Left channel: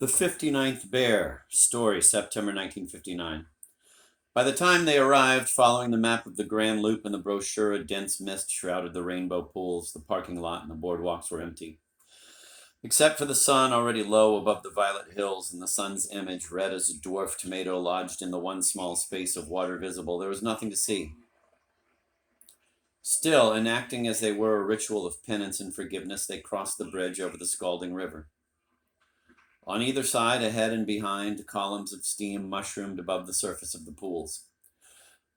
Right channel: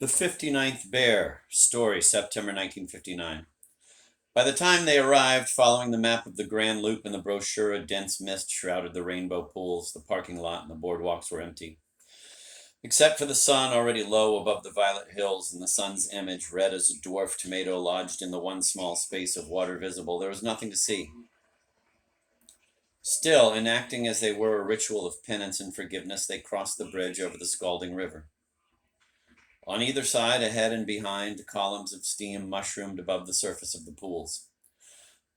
The 59th Bear, story, September 1959. By the time they arrived, following the map of the Grand Loop in the brochure, a dense mist shrouded the rainbow pools. The parking lot and the boardwalks were empty. Except for the sun already low above the violet hills and the sun's image, red as a dwarf tomato lodged in the one small space of water visible, there was nothing to see. Still, enacting as they were a ritual of penance and forgiveness, they crossed the bridge over the scalding river. On either side, ahead and behind, columns of steam mushroomed above the surface of the pools.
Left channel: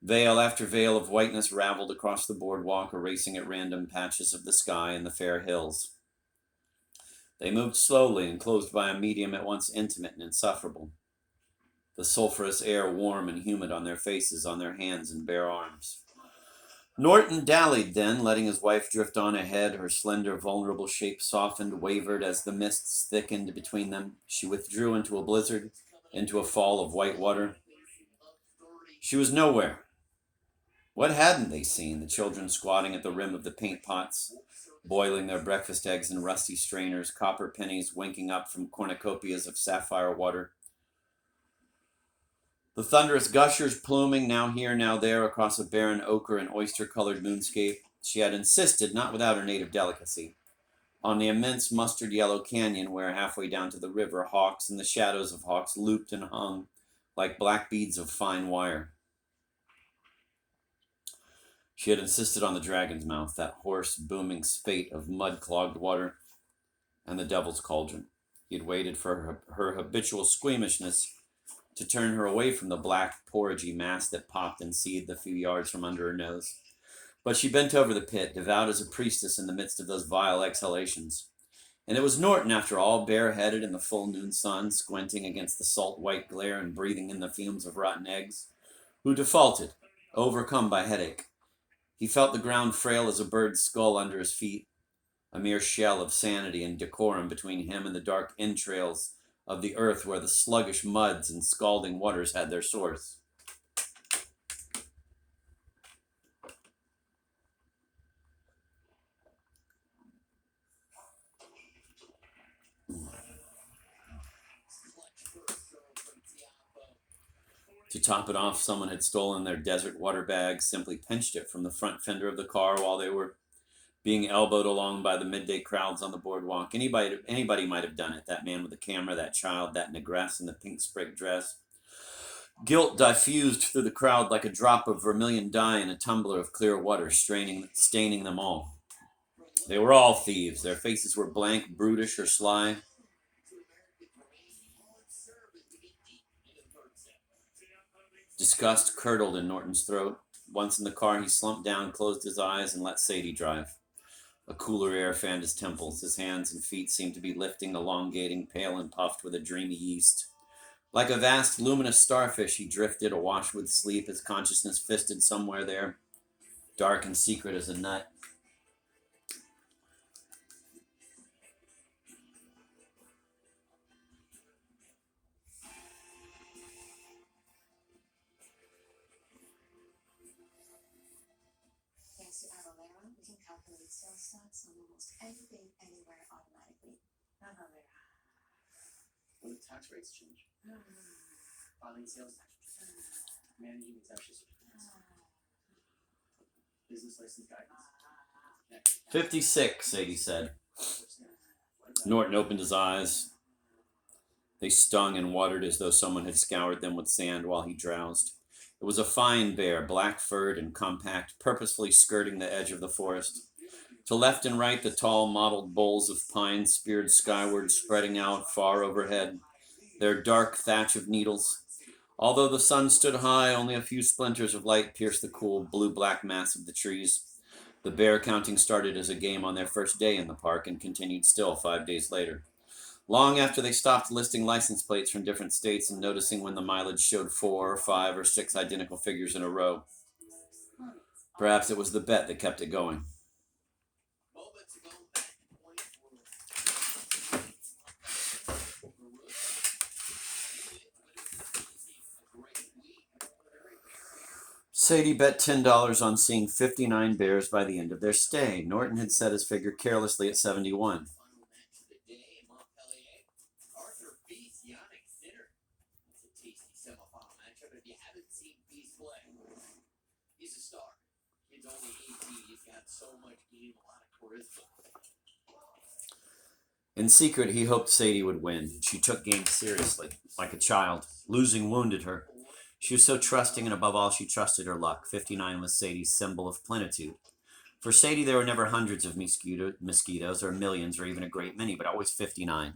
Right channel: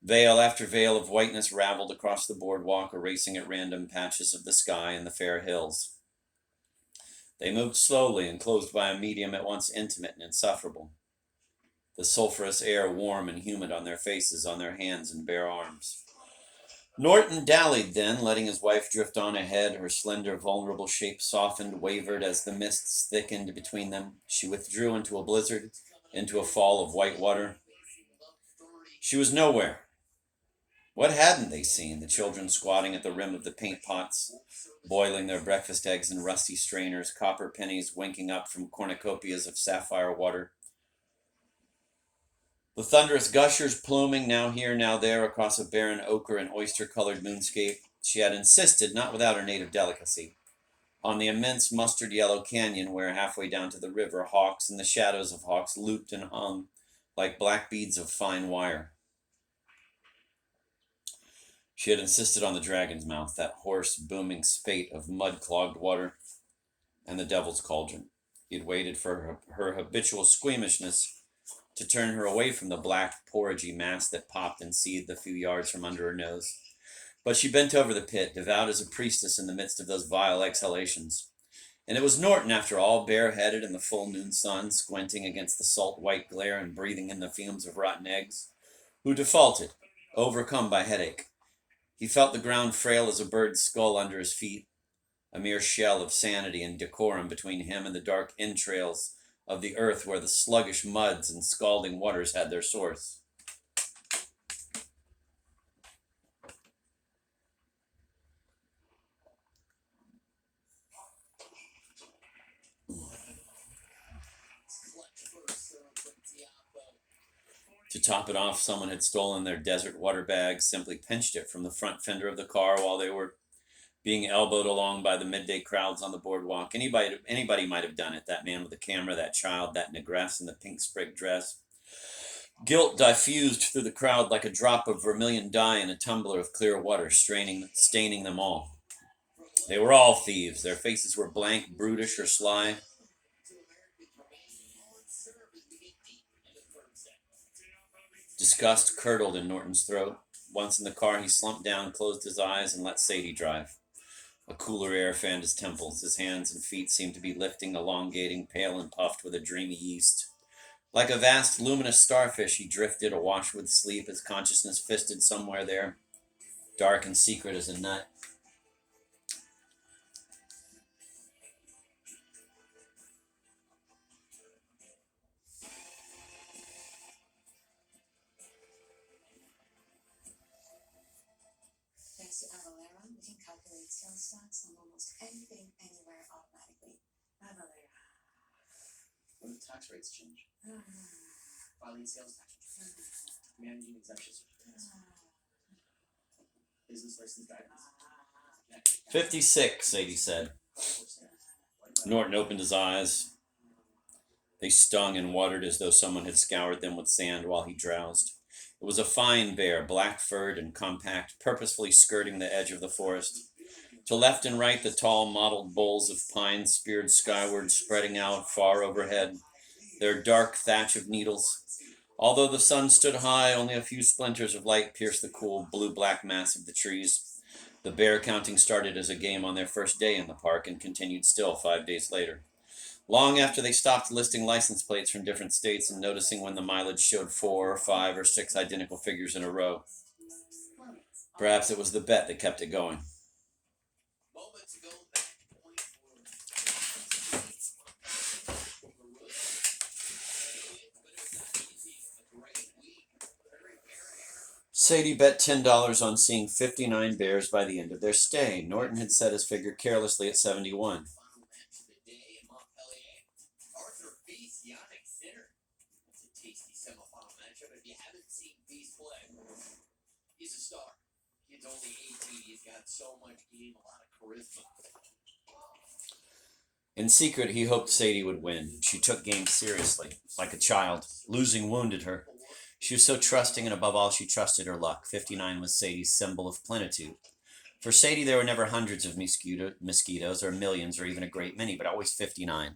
Veil after veil of whiteness raveled across the boardwalk, erasing at random patches of the sky and the fair hills. They moved slowly, enclosed by a medium at once intimate and insufferable. The sulphurous air warm and humid on their faces, on their hands and bare arms. Norton dallied then, letting his wife drift on ahead. Her slender, vulnerable shape softened, wavered as the mists thickened between them. She withdrew into a blizzard, into a fall of white water. She was nowhere. What hadn't they seen? The children squatting at the rim of the paint pots, boiling their breakfast eggs in rusty strainers, copper pennies winking up from cornucopias of sapphire water. The thunderous gushers pluming now here, now there across a barren ochre and oyster-colored moonscape. She had insisted, not without her native delicacy, on the immense mustard-yellow canyon where, halfway down to the river, hawks and the shadows of hawks looped and hung like black beads of fine wire. She had insisted on the dragon's mouth, that hoarse, booming spate of mud-clogged water, and the devil's cauldron. He had waited for her habitual squeamishness to turn her away from the black, porridgy mass that popped and seethed a few yards from under her nose. But she bent over the pit, devout as a priestess in the midst of those vile exhalations. And it was Norton, after all, bareheaded in the full noon sun, squinting against the salt white glare and breathing in the fumes of rotten eggs, who defaulted, overcome by headache. He felt the ground frail as a bird's skull under his feet, a mere shell of sanity and decorum between him and the dark entrails of the earth where the sluggish muds and scalding waters had their source. To top it off, someone had stolen their desert water bag, simply pinched it from the front fender of the car while they were being elbowed along by the midday crowds on the boardwalk. Anybody might have done it. That man with the camera, that child, that negress in the pink sprig dress. Guilt diffused through the crowd like a drop of vermilion dye in a tumbler of clear water, staining them all. They were all thieves. Their faces were blank, brutish, or sly. Disgust curdled in Norton's throat. Once in the car, he slumped down, closed his eyes, and let Sadie drive. A cooler air fanned his temples. His hands and feet seemed to be lifting, elongating, pale and puffed with a dreamy yeast. Like a vast, luminous starfish, he drifted, awash with sleep, his consciousness fisted somewhere there, dark and secret as a nut. Thanks to Avalera, we can calculate sales stats on almost anything, anywhere automatically. Avalera. When the tax rates change, filing sales tax, managing exemption certificates, business license guidance. 56, Sadie said. Norton opened his eyes. They stung and watered as though someone had scoured them with sand while he drowsed. It was a fine bear, black-furred and compact, purposefully skirting the edge of the forest. To left and right, the tall, mottled boles of pine speared skyward, spreading out far overhead, their dark thatch of needles. Although the sun stood high, only a few splinters of light pierced the cool, blue-black mass of the trees. The bear counting started as a game on their first day in the park and continued still 5 days later. Long after they stopped listing license plates from different states and noticing when the mileage showed 4 or 5 or 6 identical figures in a row. Perhaps it was the bet that kept it going. Sadie bet $10 on seeing 59 bears by the end of their stay. Norton had set his figure carelessly at 71. semifinal matchup. If you haven't seen Beast play, he's a star. Kid's only 18. He's got so much game, a lot of charisma. In secret, he hoped Sadie would win. She took games seriously, like a child. Losing wounded her. She was so trusting, and above all, she trusted her luck. 59 was Sadie's symbol of plenitude. For Sadie, there were never hundreds of mosquitoes, or millions, or even a great many, but always 59.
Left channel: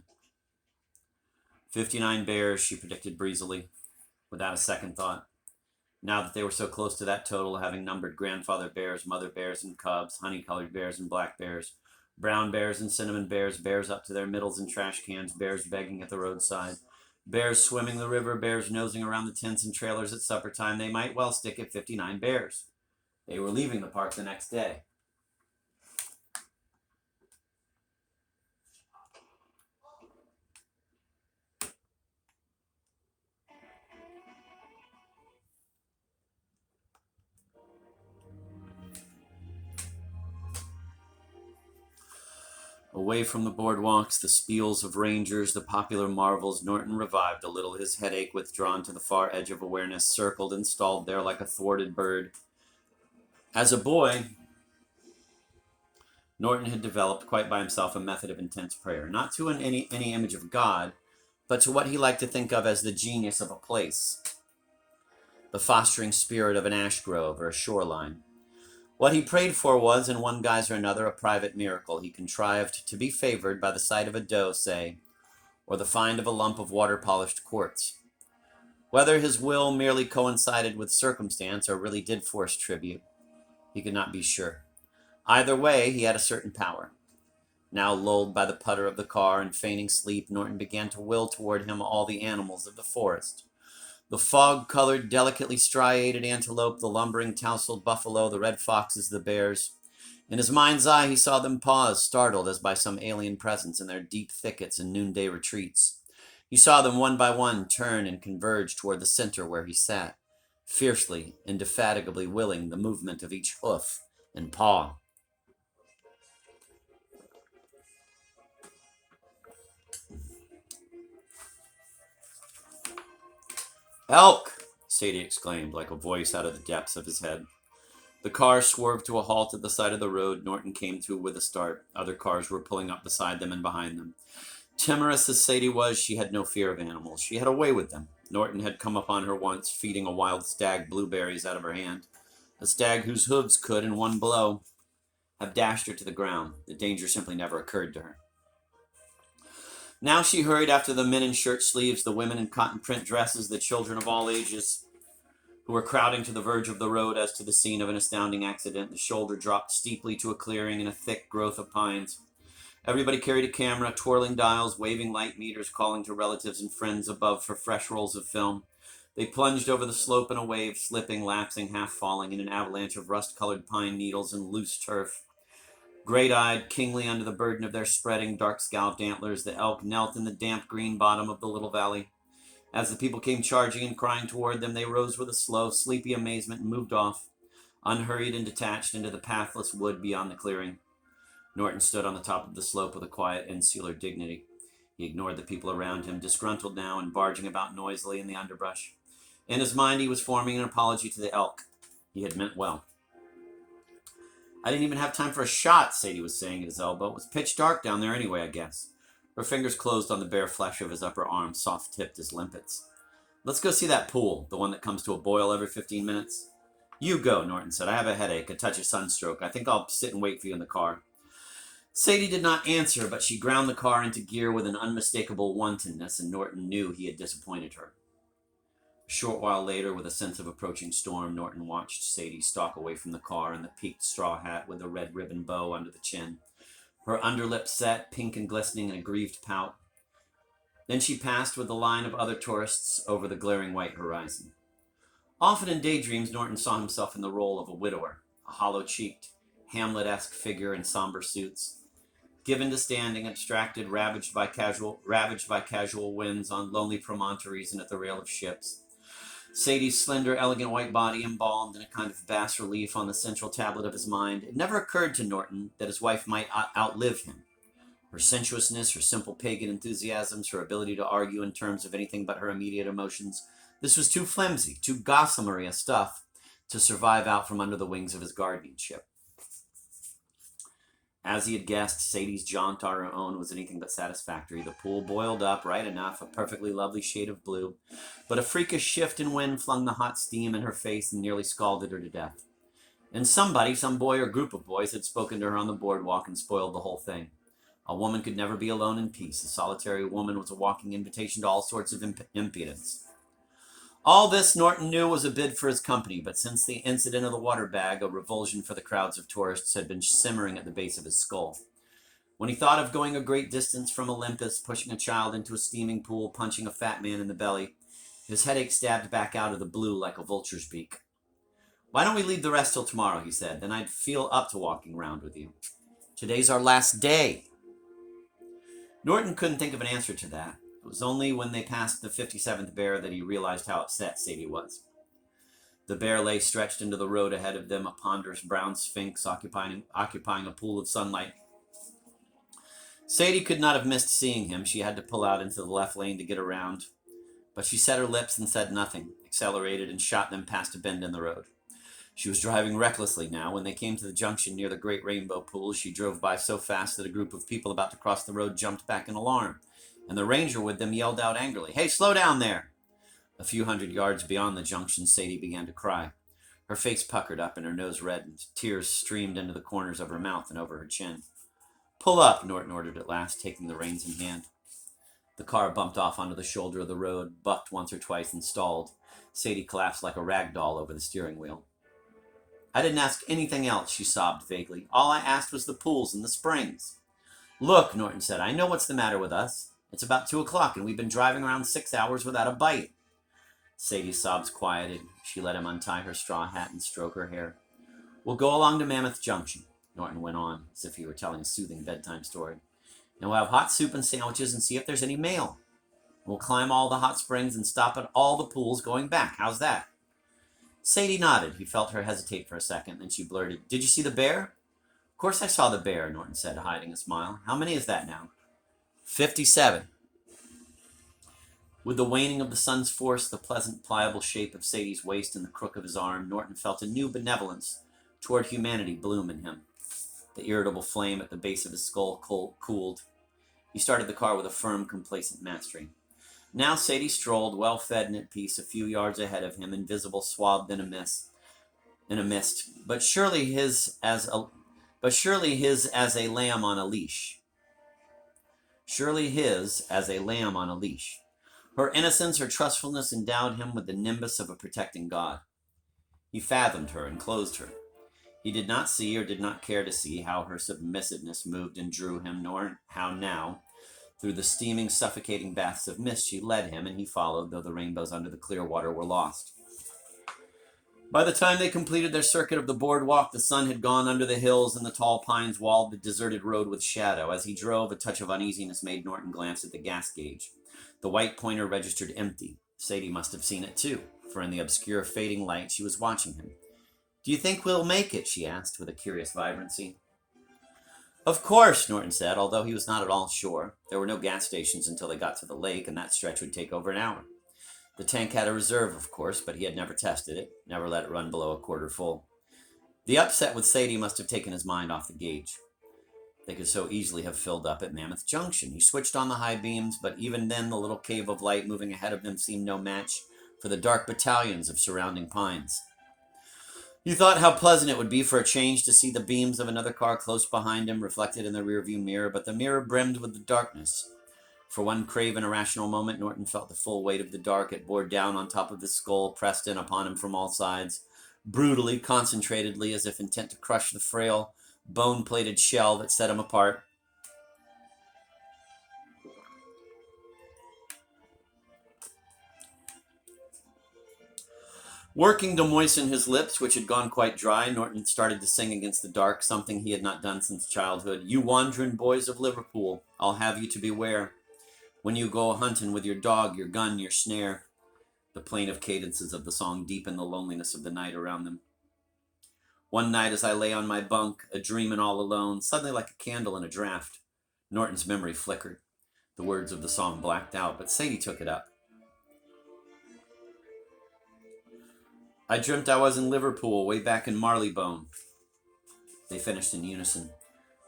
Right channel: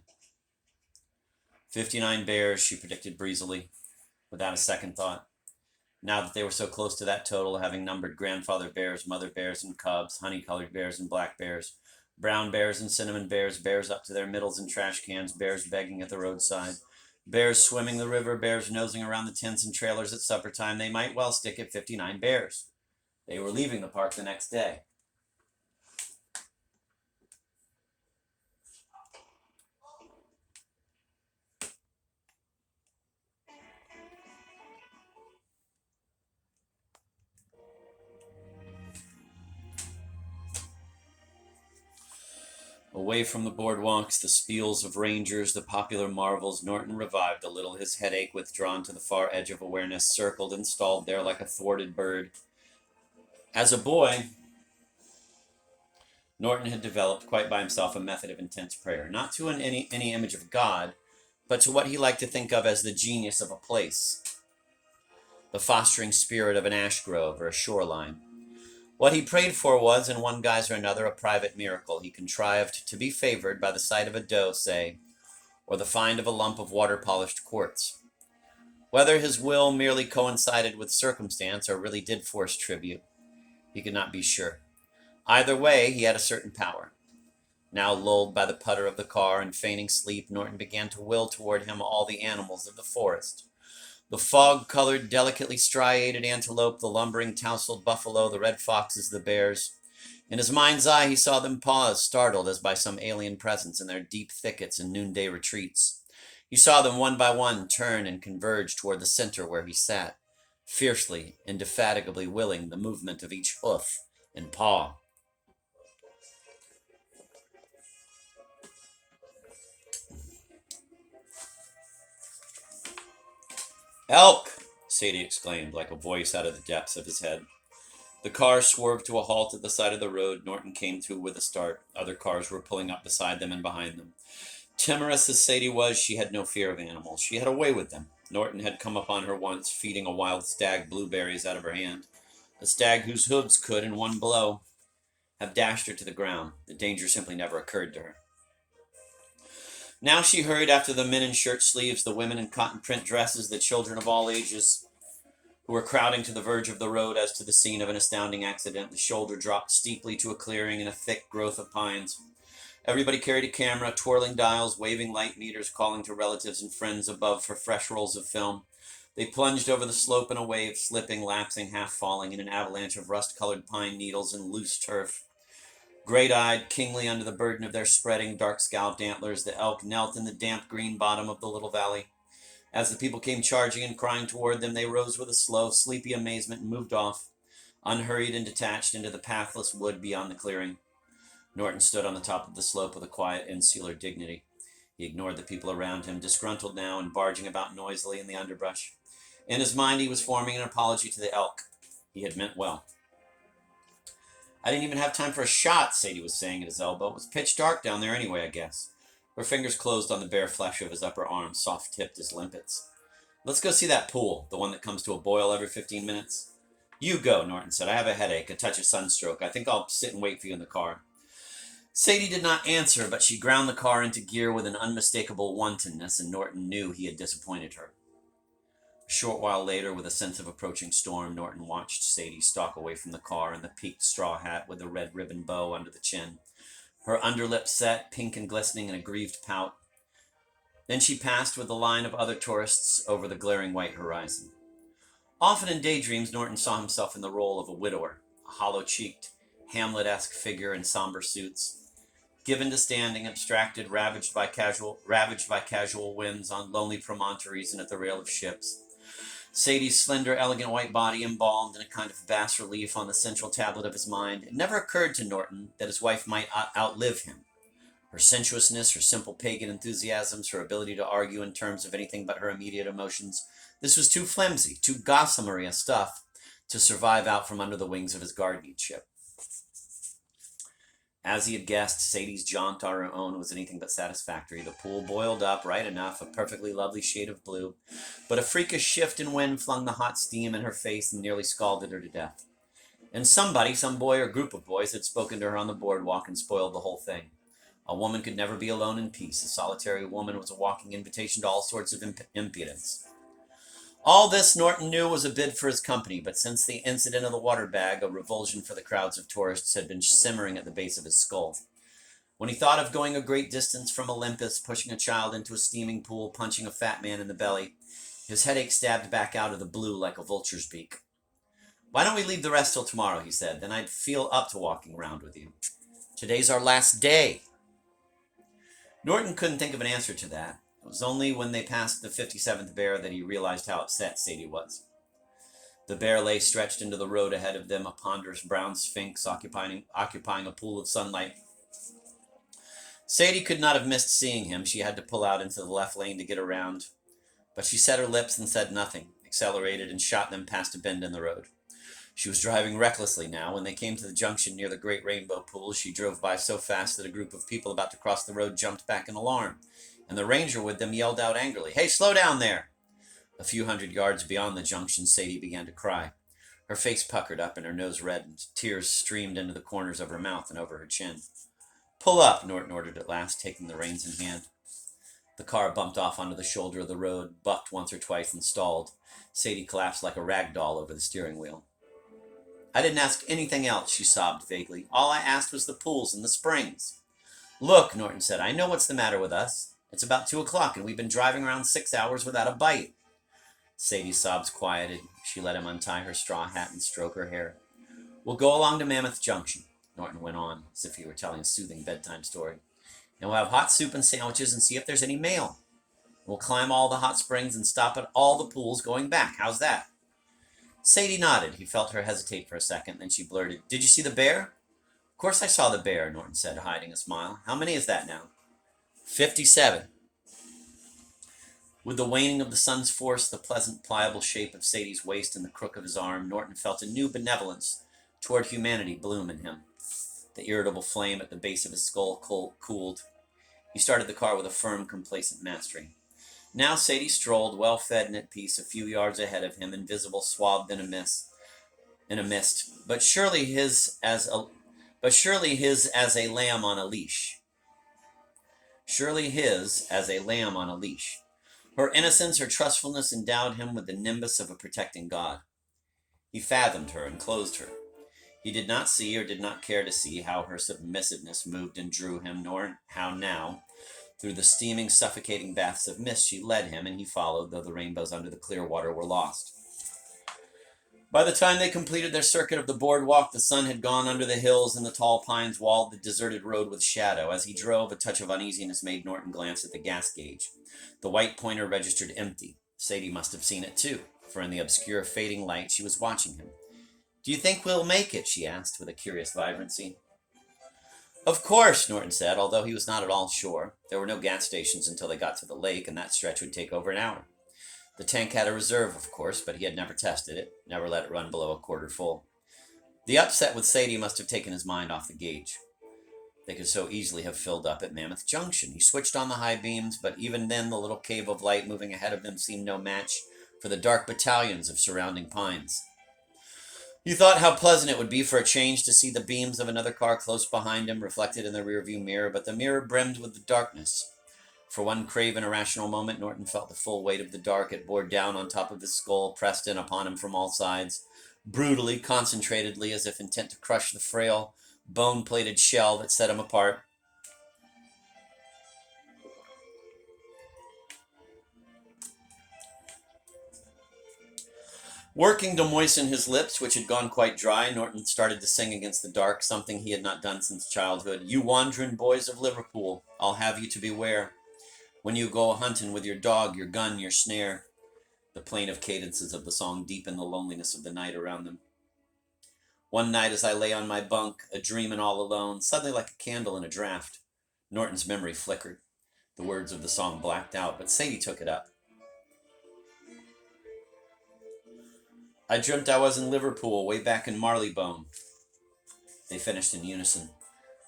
59 bears, she predicted breezily, without a second thought. Now that they were so close to that total, having numbered grandfather bears, mother bears, and cubs, honey-colored bears and black bears, brown bears and cinnamon bears, bears up to their middles in trash cans, bears begging at the roadside, bears swimming the river, bears nosing around the tents and trailers at supper time, they might well stick at 59 bears. They were leaving the park the next day. Away from the boardwalks, the spiels of rangers, the popular marvels, Norton revived a little, his headache withdrawn to the far edge of awareness, circled and stalled there like a thwarted bird. As a boy, Norton had developed, quite by himself, a method of intense prayer, not to any image of God, but to what he liked to think of as the genius of a place, the fostering spirit of an ash grove or a shoreline. What he prayed for was, in one guise or another, a private miracle. He contrived to be favored by the sight of a doe, say, or the find of a lump of water-polished quartz. Whether his will merely coincided with circumstance or really did force tribute, he could not be sure. Either way, he had a certain power. Now lulled by the putter of the car and feigning sleep, Norton began to will toward him all the animals of the forest. The fog-colored, delicately striated antelope, the lumbering, tousled buffalo, the red foxes, the bears. In his mind's eye, he saw them pause, startled as by some alien presence in their deep thickets and noonday retreats. He saw them one by one turn and converge toward the center where he sat, fiercely, indefatigably willing the movement of each hoof and paw. "Elk!" Sadie exclaimed, like a voice out of the depths of his head. The car swerved to a halt at the side of the road. Norton came to with a start. Other cars were pulling up beside them and behind them. Timorous as Sadie was, she had no fear of animals. She had a way with them. Norton had come upon her once, feeding a wild stag blueberries out of her hand. A stag whose hooves could, in one blow, have dashed her to the ground. The danger simply never occurred to her. Now she hurried after the men in shirt sleeves, the women in cotton print dresses, the children of all ages who were crowding to the verge of the road as to the scene of an astounding accident. The shoulder dropped steeply to a clearing in a thick growth of pines. Everybody carried a camera, twirling dials, waving light meters, calling to relatives and friends above for fresh rolls of film. They plunged over the slope in a wave, slipping, lapsing, half falling in an avalanche of rust-colored pine needles and loose turf. Great-eyed, kingly under the burden of their spreading, dark-scalloped antlers, the elk knelt in the damp green bottom of the little valley. As the people came charging and crying toward them, they rose with a slow, sleepy amazement and moved off, unhurried and detached, into the pathless wood beyond the clearing. Norton stood on the top of the slope with a quiet, insular dignity. He ignored the people around him, disgruntled now and barging about noisily in the underbrush. In his mind, he was forming an apology to the elk. He had meant well. "I didn't even have time for a shot," Sadie was saying at his elbow. "It was pitch dark down there anyway, I guess." Her fingers closed on the bare flesh of his upper arm, soft-tipped as limpets. "Let's go see that pool, the one that comes to a boil every 15 minutes. "You go," Norton said. "I have a headache, a touch of sunstroke. I think I'll sit and wait for you in the car." Sadie did not answer, but she ground the car into gear with an unmistakable wantonness, and Norton knew he had disappointed her. A short while later, with a sense of approaching storm, Norton watched Sadie stalk away from the car in the peaked straw hat with the red ribbon bow under the chin, her underlip set, pink and glistening in a grieved pout. Then she passed with the line of other tourists over the glaring white horizon. Often in daydreams, Norton saw himself in the role of a widower, a hollow-cheeked, Hamlet-esque figure in somber suits, given to standing, abstracted, ravaged by casual winds on lonely promontories and at the rail of ships. Sadie's slender, elegant white body embalmed in a kind of bas-relief on the central tablet of his mind. It never occurred to Norton that his wife might outlive him. Her sensuousness, her simple pagan enthusiasms, her ability to argue in terms of anything but her immediate emotions, This was too flimsy, too gossamer stuff to survive out from under the wings of his guardian ship. As he had guessed, Sadie's jaunt on her own was anything but satisfactory. The pool boiled up right enough, a perfectly lovely shade of blue, but a freakish shift in wind flung the hot steam in her face and nearly scalded her to death. And somebody, some boy or group of boys, had spoken to her on the boardwalk and spoiled the whole thing. A woman could never be alone in peace. A solitary woman was a walking invitation to all sorts of impudence. All this, Norton knew, was a bid for his company, but since the incident of the water bag, a revulsion for the crowds of tourists had been simmering at the base of his skull. When he thought of going a great distance from Olympus, pushing a child into a steaming pool, punching a fat man in the belly, his headache stabbed back out of the blue like a vulture's beak. "Why don't we leave the rest till tomorrow," he said. "Then I'd feel up to walking around with you. Today's our last day." Norton couldn't think of an answer to that. It was only when they passed the 57th bear that he realized how upset Sadie was. The bear lay stretched into the road ahead of them, a ponderous brown sphinx occupying a pool of sunlight. Sadie could not have missed seeing him. She had to pull out into the left lane to get around, but she set her lips and said nothing, accelerated and shot them past a bend in the road. She was driving recklessly now. When they came to the junction near the Great Rainbow Pool, she drove by so fast that a group of people about to cross the road jumped back in alarm, and the ranger with them yelled out angrily, "Hey, slow down there!" A few hundred yards beyond the junction, Sadie began to cry. Her face puckered up and her nose reddened. Tears streamed into the corners of her mouth and over her chin. "Pull up," Norton ordered at last, taking the reins in hand. The car bumped off onto the shoulder of the road, bucked once or twice and stalled. Sadie collapsed like a rag doll over the steering wheel. "I didn't ask anything else," she sobbed vaguely. "All I asked was the pools and the springs." "Look," Norton said, "I know what's the matter with us. It's about 2 o'clock and we've been driving around 6 hours without a bite." Sadie's sobs quieted. She let him untie her straw hat and stroke her hair. "We'll go along to Mammoth Junction," Norton went on, as if he were telling a soothing bedtime story. "And we'll have hot soup and sandwiches and see if there's any mail. We'll climb all the hot springs and stop at all the pools going back. How's that?" Sadie nodded. He felt her hesitate for a second, then she blurted, "Did you see the bear?" "Of course I saw the bear," Norton said, hiding a smile. "How many is that now?" 57. With the waning of the sun's force, the pleasant, pliable shape of Sadie's waist and the crook of his arm, Norton felt a new benevolence toward humanity bloom in him. The irritable flame at the base of his skull cooled. He started the car with a firm, complacent mastery. Now Sadie strolled, well-fed and at peace, a few yards ahead of him, invisible, swathed in a mist, but surely his as a lamb on a leash. Surely his as a lamb on a leash. Her innocence, her trustfulness endowed him with the nimbus of a protecting God. He fathomed her and clothed her. He did not see, or did not care to see, how her submissiveness moved and drew him, nor how now, through the steaming, suffocating baths of mist, she led him, and he followed, though the rainbows under the clear water were lost. By the time they completed their circuit of the boardwalk, the sun had gone under the hills, and the tall pines walled the deserted road with shadow. As he drove, a touch of uneasiness made Norton glance at the gas gauge. The white pointer registered empty. Sadie must have seen it too, for in the obscure, fading light, she was watching him. "Do you think we'll make it?" she asked, with a curious vibrancy. "Of course," Norton said, although he was not at all sure. There were no gas stations until they got to the lake, and that stretch would take over an hour. The tank had a reserve, of course, but he had never tested it, never let it run below a quarter full. The upset with Sadie must have taken his mind off the gauge. They could so easily have filled up at Mammoth Junction. He switched on the high beams, but even then the little cave of light moving ahead of them seemed no match for the dark battalions of surrounding pines. He thought how pleasant it would be for a change to see the beams of another car close behind him reflected in the rearview mirror, but the mirror brimmed with the darkness. For one craven, irrational moment, Norton felt the full weight of the dark. It bore down on top of his skull, pressed in upon him from all sides, brutally, concentratedly, as if intent to crush the frail, bone-plated shell that set him apart. Working to moisten his lips, which had gone quite dry, Norton started to sing against the dark, something he had not done since childhood. "You wandering boys of Liverpool, I'll have you to beware. When you go hunting with your dog, your gun, your snare." The plaintive cadences of the song deepened the loneliness of the night around them. "One night as I lay on my bunk, a-dreamin' all alone, suddenly like a candle in a draught." Norton's memory flickered. The words of the song blacked out, but Sadie took it up. I dreamt I was in Liverpool, way back in Marleybone. They finished in unison,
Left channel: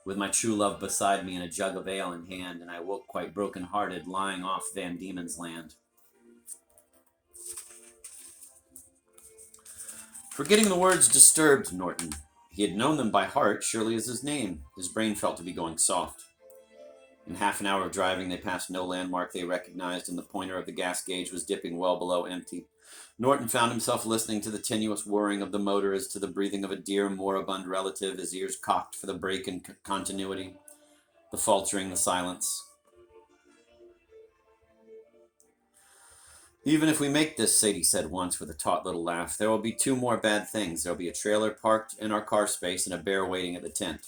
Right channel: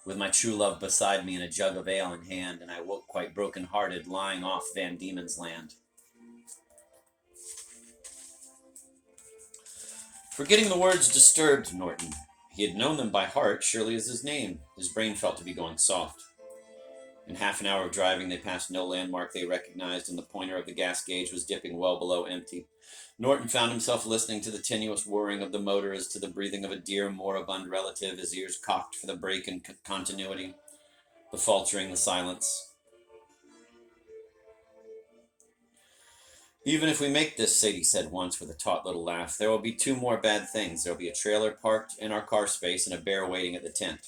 with my true love beside me and a jug of ale in hand, and I woke quite broken-hearted, lying off Van Diemen's Land. Forgetting the words disturbed Norton. He had known them by heart, surely as his name. His brain felt to be going soft. In half an hour of driving, they passed no landmark they recognized, and the pointer of the gas gauge was dipping well below empty. Norton found himself listening to the tenuous whirring of the motor as to the breathing of a dear moribund relative, his ears cocked for the break in continuity, the faltering, the silence. Even if we make this, Sadie said once with a taut little laugh, there will be two more bad things. There will be a trailer parked in our car space and a bear waiting at the tent.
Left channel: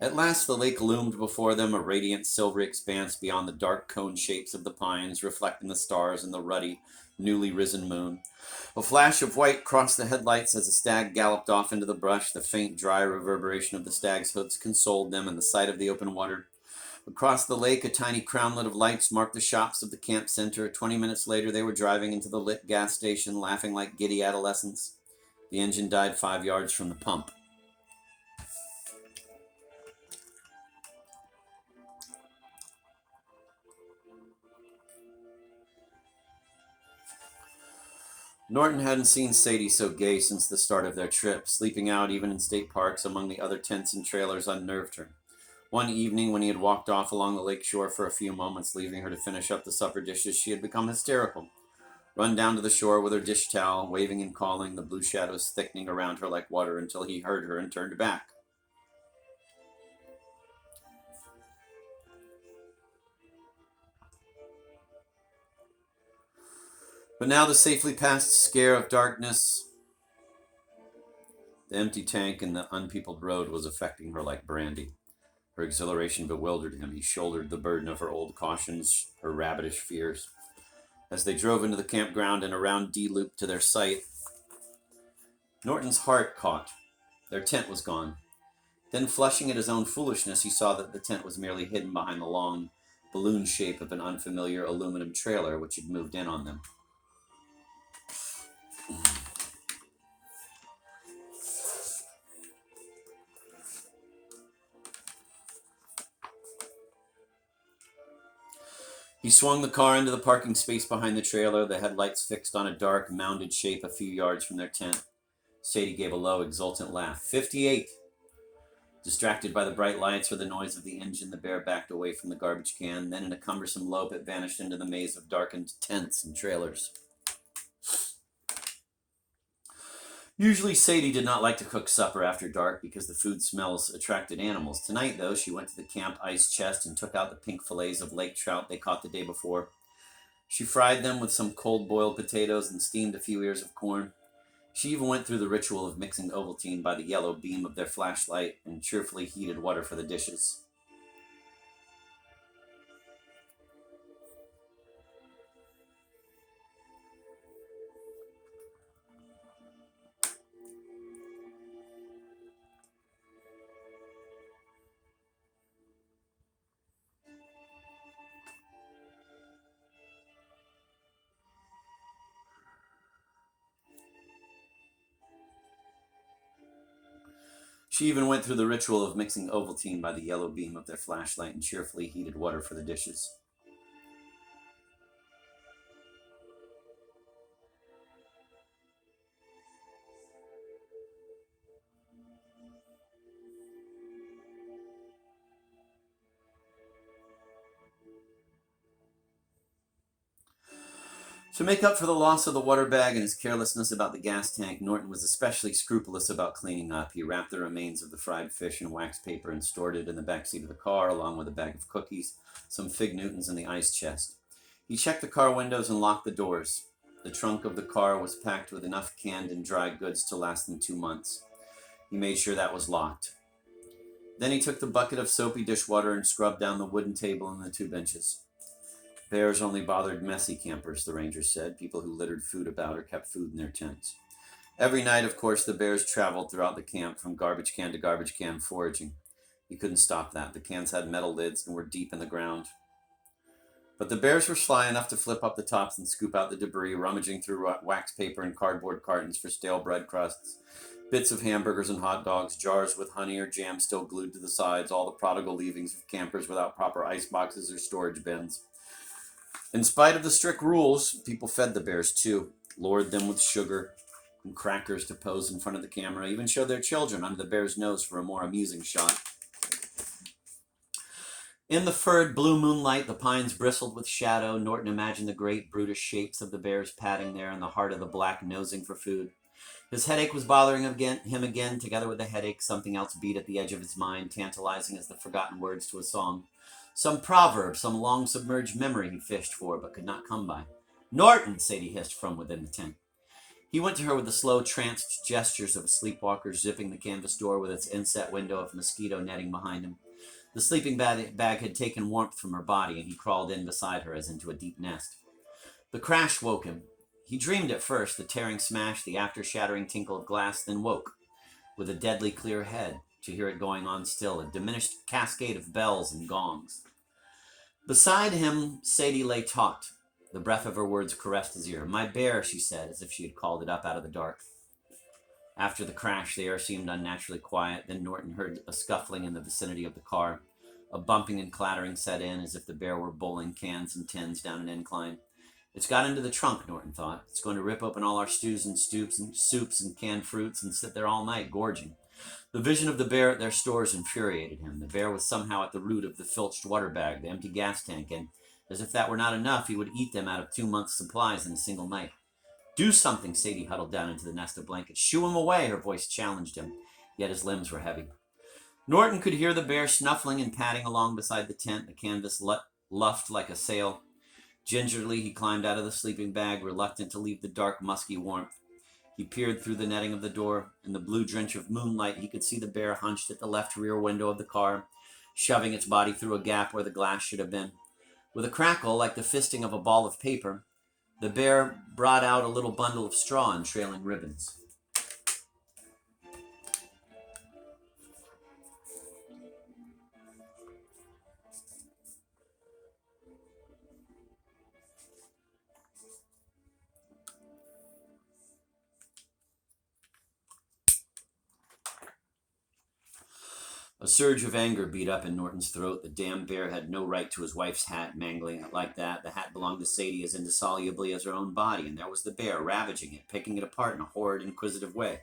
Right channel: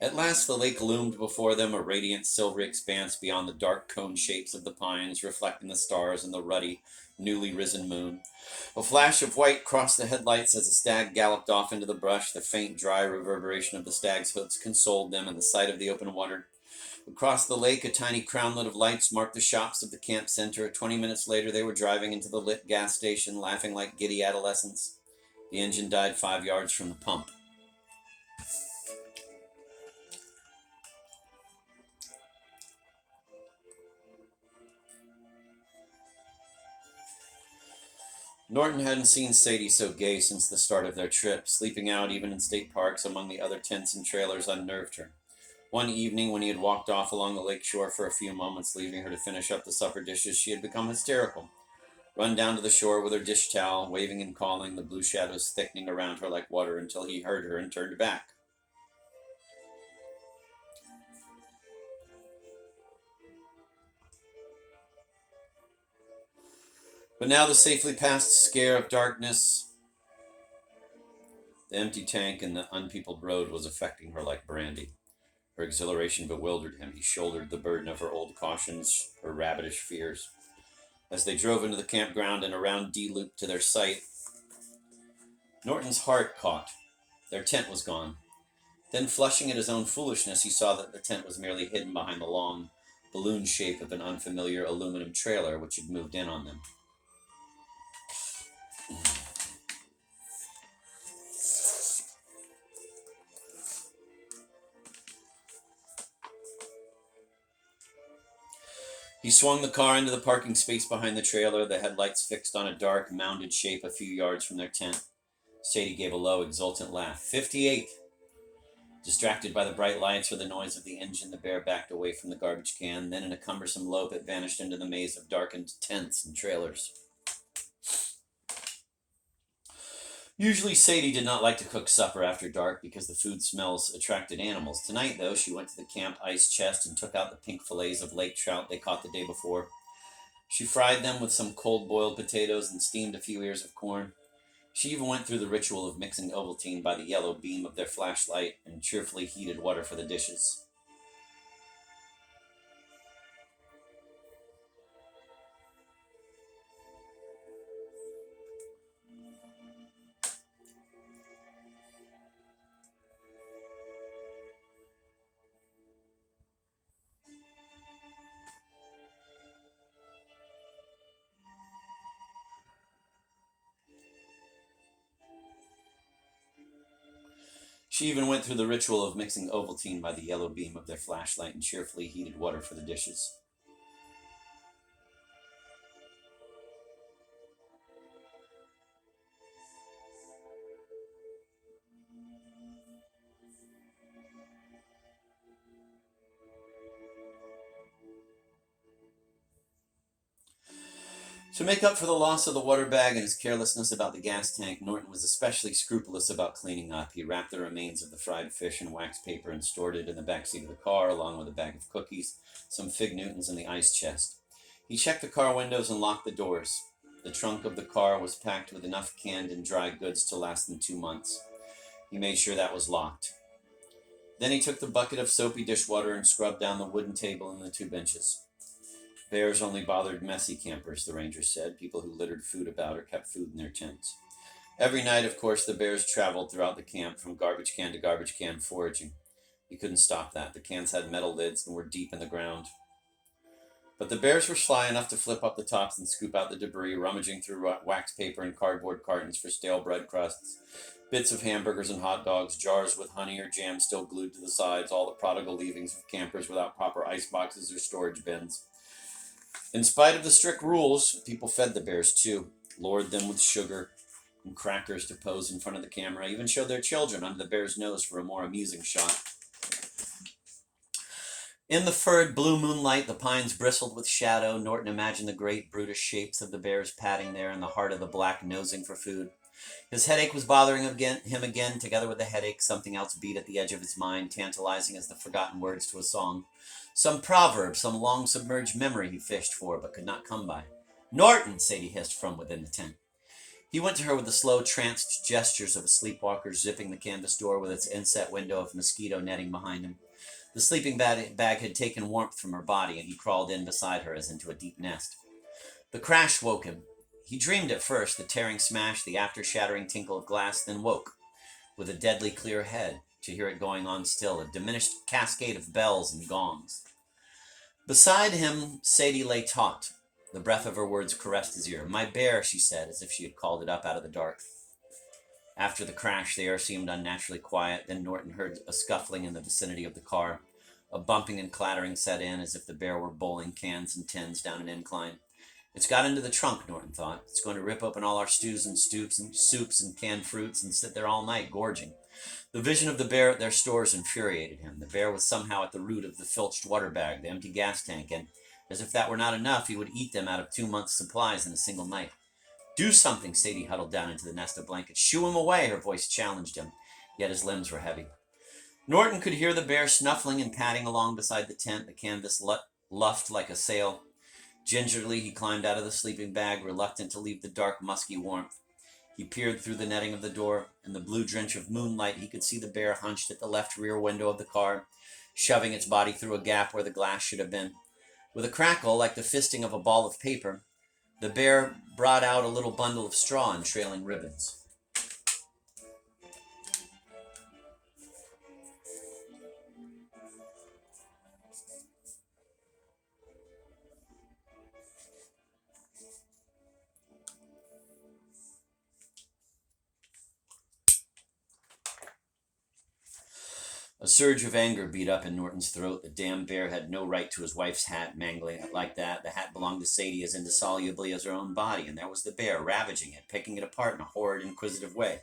At last the lake loomed before them, a radiant silvery expanse beyond the dark cone shapes of the pines, reflecting the stars and the ruddy, newly risen moon. A flash of white crossed the headlights as a stag galloped off into the brush. The faint, dry reverberation of the stag's hooves consoled them in the sight of the open water. Across the lake, a tiny crownlet of lights marked the shops of the camp center. 20 minutes later, they were driving into the lit gas station, laughing like giddy adolescents. The engine died 5 yards from the pump. Norton hadn't seen Sadie so gay since the start of their trip. Sleeping out even in state parks among the other tents and trailers unnerved her. One evening, when he had walked off along the lake shore for a few moments, leaving her to finish up the supper dishes, she had become hysterical. Run down to the shore with her dish towel, waving and calling, the blue shadows thickening around her like water until he heard her and turned back. But now the safely past scare of darkness, the empty tank and the unpeopled road was affecting her like brandy. Her exhilaration bewildered him. He shouldered the burden of her old cautions, her rabbitish fears. As they drove into the campground and around D-Loop to their site, Norton's heart caught. Their tent was gone. Then, flushing at his own foolishness, he saw that the tent was merely hidden behind the long, balloon shape of an unfamiliar aluminum trailer which had moved in on them. He swung the car into the parking space behind the trailer, the headlights fixed on a dark, mounded shape a few yards from their tent. Sadie gave a low, exultant laugh. 58! Distracted by the bright lights or the noise of the engine, the bear backed away from the garbage can. Then in a cumbersome lope, it vanished into the maze of darkened tents and trailers. Usually Sadie did not like to cook supper after dark because the food smells attracted animals. Tonight, though, she went to the camp ice chest and took out the pink fillets of lake trout they caught the day before. She fried them with some cold-boiled potatoes and steamed a few ears of corn. She even went through the ritual of mixing Ovaltine by the yellow beam of their flashlight and cheerfully heated water for the dishes. She even went through the ritual of mixing Ovaltine by the yellow beam of their flashlight and cheerfully heated water for the dishes. To make up for the loss of the water bag and his carelessness about the gas tank, Norton was especially scrupulous about cleaning up. He wrapped the remains of the fried fish in wax paper and stored it in the back seat of the car, along with a bag of cookies, some fig Newtons, and the ice chest. He checked the car windows and locked the doors. The trunk of the car was packed with enough canned and dry goods to last them 2 months. He made sure that was locked. Then he took the bucket of soapy dishwater and scrubbed down the wooden table and the 2 benches. Bears only bothered messy campers, the ranger said, people who littered food about or kept food in their tents. Every night, of course, the bears traveled throughout the camp from garbage can to garbage can foraging. You couldn't stop that. The cans had metal lids and were deep in the ground. But the bears were sly enough to flip up the tops and scoop out the debris, rummaging through wax paper and cardboard cartons for stale bread crusts, bits of hamburgers and hot dogs, jars with honey or jam still glued to the sides, all the prodigal leavings of campers without proper ice boxes or storage bins. In spite of the strict rules, people fed the bears too, lured them with sugar and crackers to pose in front of the camera, even showed their children under the bear's nose for a more amusing shot. In the furred blue moonlight, the pines bristled with shadow. Norton imagined the great brutish shapes of the bears padding there in the heart of the black, nosing for food. His headache was bothering him again. Together with the headache, something else beat at the edge of his mind, tantalizing as the forgotten words to a song. Some proverb, some long-submerged memory he fished for, but could not come by. "Norton!" Sadie hissed from within the tent. He went to her with the slow, tranced gestures of a sleepwalker, zipping the canvas door with its inset window of mosquito netting behind him. The sleeping bag had taken warmth from her body, and he crawled in beside her as into a deep nest. The crash woke him. He dreamed at first, the tearing smash, the after-shattering tinkle of glass, then woke, with a deadly clear head, to hear it going on still, a diminished cascade of bells and gongs. Beside him, Sadie lay taut. The breath of her words caressed his ear. "My bear," she said, as if she had called it up out of the dark. After the crash, the air seemed unnaturally quiet. Then Norton heard a scuffling in the vicinity of the car. A bumping and clattering set in, as if the bear were bowling cans and tins down an incline. "It's got into the trunk," Norton thought. "It's going to rip open all our stews and soups and canned fruits and sit there all night, gorging." The vision of the bear at their stores infuriated him. The bear was somehow at the root of the filched water bag, the empty gas tank, and, as if that were not enough, he would eat them out of 2 months' supplies in a single night. "Do something," Sadie huddled down into the nest of blankets. "Shoo him away," her voice challenged him, yet his limbs were heavy. Norton could hear the bear snuffling and padding along beside the tent, the canvas luffed like a sail. Gingerly, he climbed out of the sleeping bag, reluctant to leave the dark, musky warmth. He peered through the netting of the door. In the blue drench of moonlight, he could see the bear hunched at the left rear window of the car, shoving its body through a gap where the glass should have been. With a crackle, like the fisting of a ball of paper, the bear brought out a little bundle of straw and trailing ribbons. A surge of anger beat up in Norton's throat. The damn bear had no right to his wife's hat, mangling it like that. The hat belonged to Sadie as indissolubly as her own body, and there was the bear, ravaging it, picking it apart in a horrid, inquisitive way.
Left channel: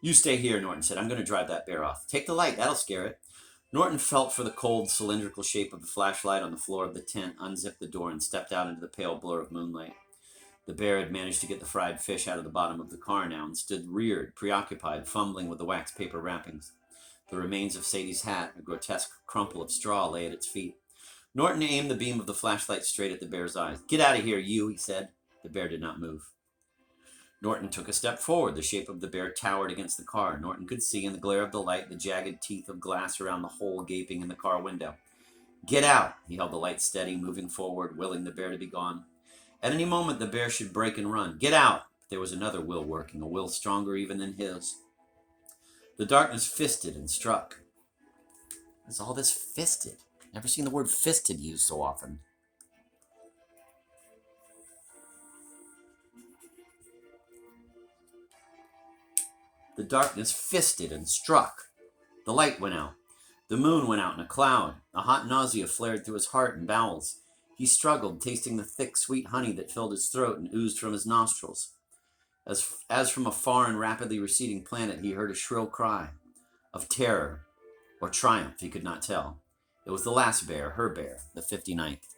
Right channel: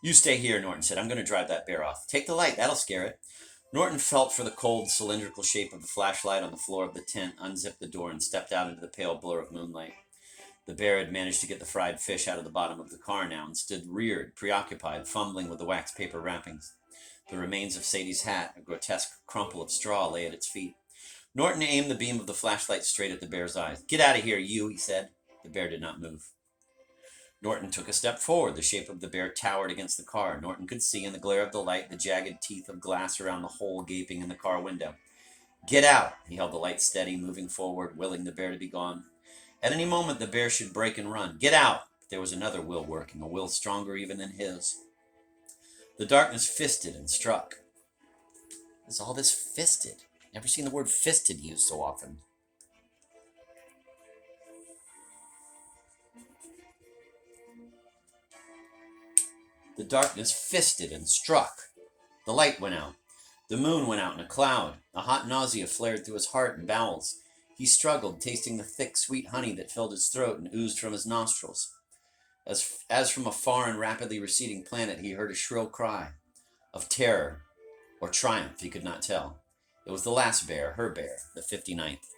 "You stay here," Norton said. "I'm going to drive that bear off." "Take the light, that'll scare it." Norton felt for the cold, cylindrical shape of the flashlight on the floor of the tent, unzipped the door, and stepped out into the pale blur of moonlight. The bear had managed to get the fried fish out of the bottom of the car now, and stood reared, preoccupied, fumbling with the wax paper wrappings. The remains of Sadie's hat, a grotesque crumple of straw, lay at its feet. Norton aimed the beam of the flashlight straight at the bear's eyes. "Get out of here, you," he said. The bear did not move. Norton took a step forward. The shape of the bear towered against the car. Norton could see in the glare of the light the jagged teeth of glass around the hole gaping in the car window. "Get out!" He held the light steady, moving forward, willing the bear to be gone. At any moment, the bear should break and run. "Get out!" But there was another will working, a will stronger even than his. The darkness fisted and struck. What is all this fisted? Never seen the word fisted used so often. The darkness fisted and struck. The light went out. The moon went out in a cloud. A hot nausea flared through his heart and bowels. He struggled, tasting the thick, sweet honey that filled his throat and oozed from his nostrils. As from a far and rapidly receding planet, he heard a shrill cry of terror or triumph, he could not tell. It was the last bear, her bear, the 59th.